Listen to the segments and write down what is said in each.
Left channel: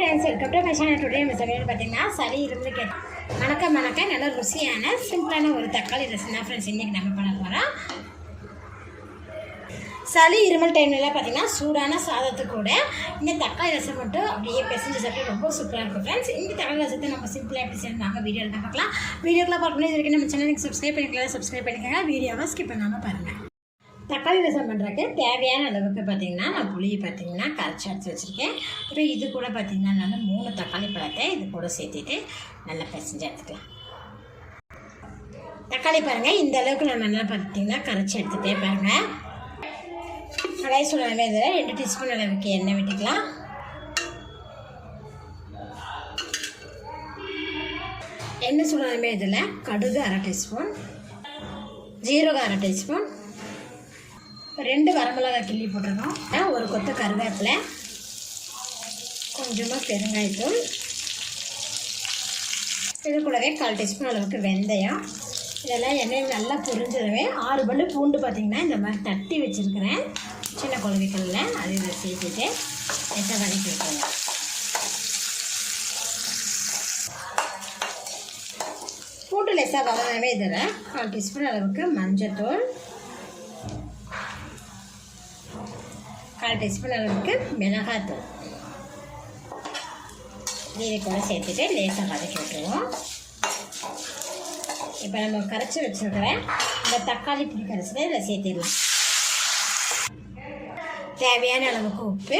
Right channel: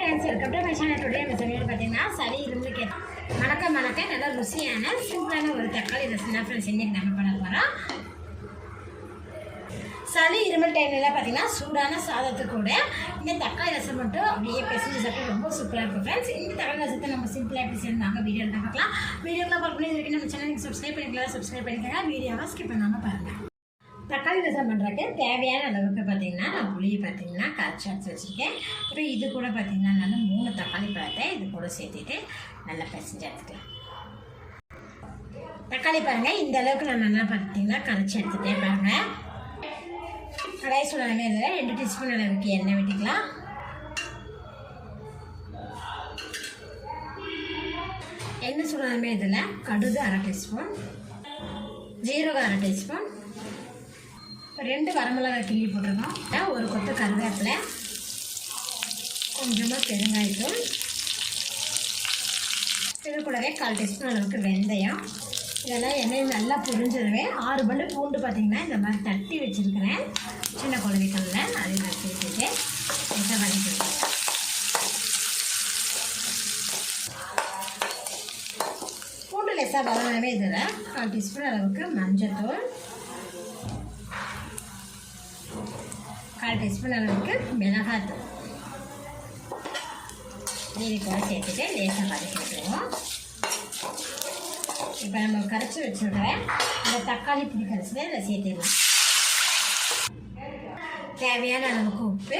Friends, welcome to my channel. Today நம்ம சமையல் பார்த்தீங்கன்னா சளி இருந்து மணக்க நல்ல ருசியான சிம்பிளான ஒரு தக்காளி ரசம் தான் ஃப்ரெண்ட்ஸ் இன்றைக்கி நம்ம பண்ண போகிறோம். சளி இருமல் டைம்லாம் பார்த்தீங்கன்னா சூடான சாதத்துக்கு கூட இந்த தக்காளி ரசம் மட்டும் அப்படியே பெசஞ்சு சாப்பிட்டு ரொம்ப சூப்பராக இருக்கும் ஃப்ரெண்ட்ஸ். இந்த தக்காளி ரசத்தை நம்ம சிம்பிளாக எப்படி செய்யணும் வீடியோவில் தான் பார்க்கலாம். வீடியோவில் பார்க்கணும் வரைக்கும் நம்ம சேனலுக்கு சப்ஸ்கிரைப் பண்ணிக்கலாம். வீடியோவை ஸ்கிப் பண்ணாமல் பாருங்கள். தக்காளி ரசம் பண்ணுறதுக்கு தேவையான அளவுக்கு பார்த்திங்கன்னா நான் புளியை பார்த்திங்கன்னா கரைச்சி எடுத்து வச்சுருக்கேன். இப்போ இது கூட பார்த்திங்கன்னா நான் 3 தக்காளி பழத்தை இது கூட சேர்த்துட்டு நல்லா பிசைஞ்சு எடுத்துக்கலாம். தக்காளி பாருங்கள், இந்த அளவுக்கு நான் நல்லா பார்த்திங்கன்னா கரைச்சி எடுத்துகிட்டே பாருங்கள். கடாய் சூடான இதில் 2 டீஸ்பூன் அளவுக்கு எண்ணெய் விட்டுக்கலாம். எண்ணெய் சூடான இதில் கடுகு 1/2 டீஸ்பூன், ஜீரகம் 1/2 டீஸ்பூன், 2 வரமிளகாய் கிள்ளி போட்டுருக்கோம், 1 கொத்து கருவேப்பிலை, கொஞ்சமாக பெருங்காயத்தூள், இது கூடவே 1/4 டீஸ்பூன் அளவுக்கு வெந்தயம். இதெல்லாம் எண்ணெய் நல்லா புரிஞ்சதுமே 6 பல்லு பூண்டு பார்த்திங்கன்னா இந்த மாதிரி தட்டி வச்சுருக்கிறேன் சின்ன குழந்தைகளில். அது இதை சேர்த்துட்டு லேசாக வதக்கி வைக்கிறேன். பூண்டு லேசாக வதங்கினவே இதில் 1/4 டீஸ்பூன் அளவுக்கு மஞ்சத்தூள், 1/4 டீஸ்பூன் அளவுக்கு மிளகாத்தூள் இது கூட சேர்த்துட்டு லேசாக வதக்கி விட்டுருவோம். இப்போ நம்ம கரைச்சி வச்சுருக்கிறேன் இந்த தக்காளி புளி கரைச்சியில் இதில் சேர்த்திடலாம். தேவையான அளவுக்கு உப்பு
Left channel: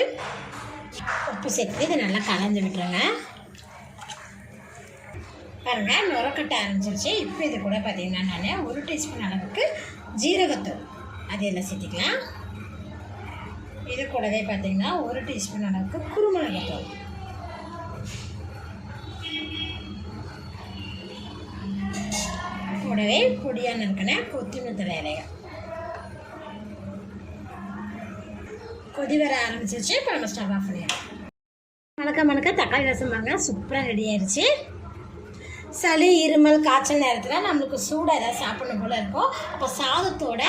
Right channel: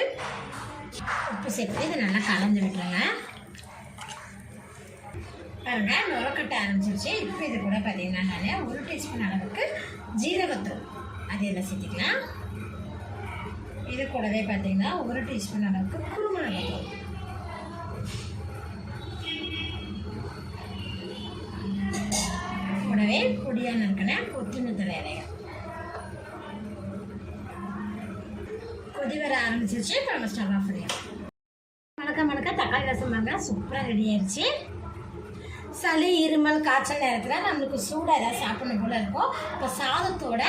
சேர்த்து இதை நல்லா கலந்து விட்டுருங்க. பாருங்கள், நுரக்கட்ட ஆரம்பிச்சிருச்சு. இப்போ இது கூட பார்த்திங்கன்னா நான் 1 டீஸ்பூன் அளவுக்கு ஜீரகத்தூள் அது இதில் சேர்த்திக்கலாம். இது கூடவே பார்த்திங்கன்னா 1 டீஸ்பூன் அளவுக்கு குருமிளகாத்தூள், கூடவே பொடியாக நறுக்கின கொத்தமல்லி இலைகள். கொதி வர ஆரம்பிச்சிருச்சு. இப்போ நம்ம ஸ்டவ் ஆஃப் பண்ணிடலாம். மணக்க தக்காளி ரசம் வாங்க சூப்பராக ரெடி ஆயிடுச்சு. சளி இருமல் காய்ச்சல் நேரத்தில் நம்மளுக்கு சூடாக ஏதாவது சாப்பிடணும் போல் இருக்கும். இப்போ சாதத்தோட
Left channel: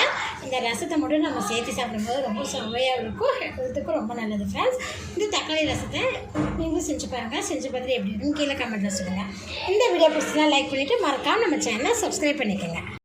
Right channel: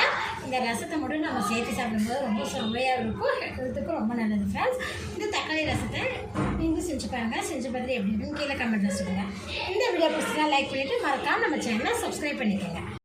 இந்த ரசத்தை மட்டும் நம்ம சேர்த்து சாப்பிடும்போது ரொம்ப சுவையாக இருக்கும். ஹெல்த்துக்கும் ரொம்ப நல்லது ஃப்ரெண்ட்ஸ். இந்த தக்காளி ரசத்தை நீங்களும் செஞ்சு பாருங்கள். செஞ்சு பார்த்துட்டு எப்படி இருக்குன்னு கீழே கமெண்ட்டில் சொல்லுங்கள். இந்த வீடியோ பிடிச்சினா லைக் பண்ணிவிட்டு மறக்காமல் நம்ம சேனலை சப்ஸ்கிரைப் பண்ணிக்கோங்க.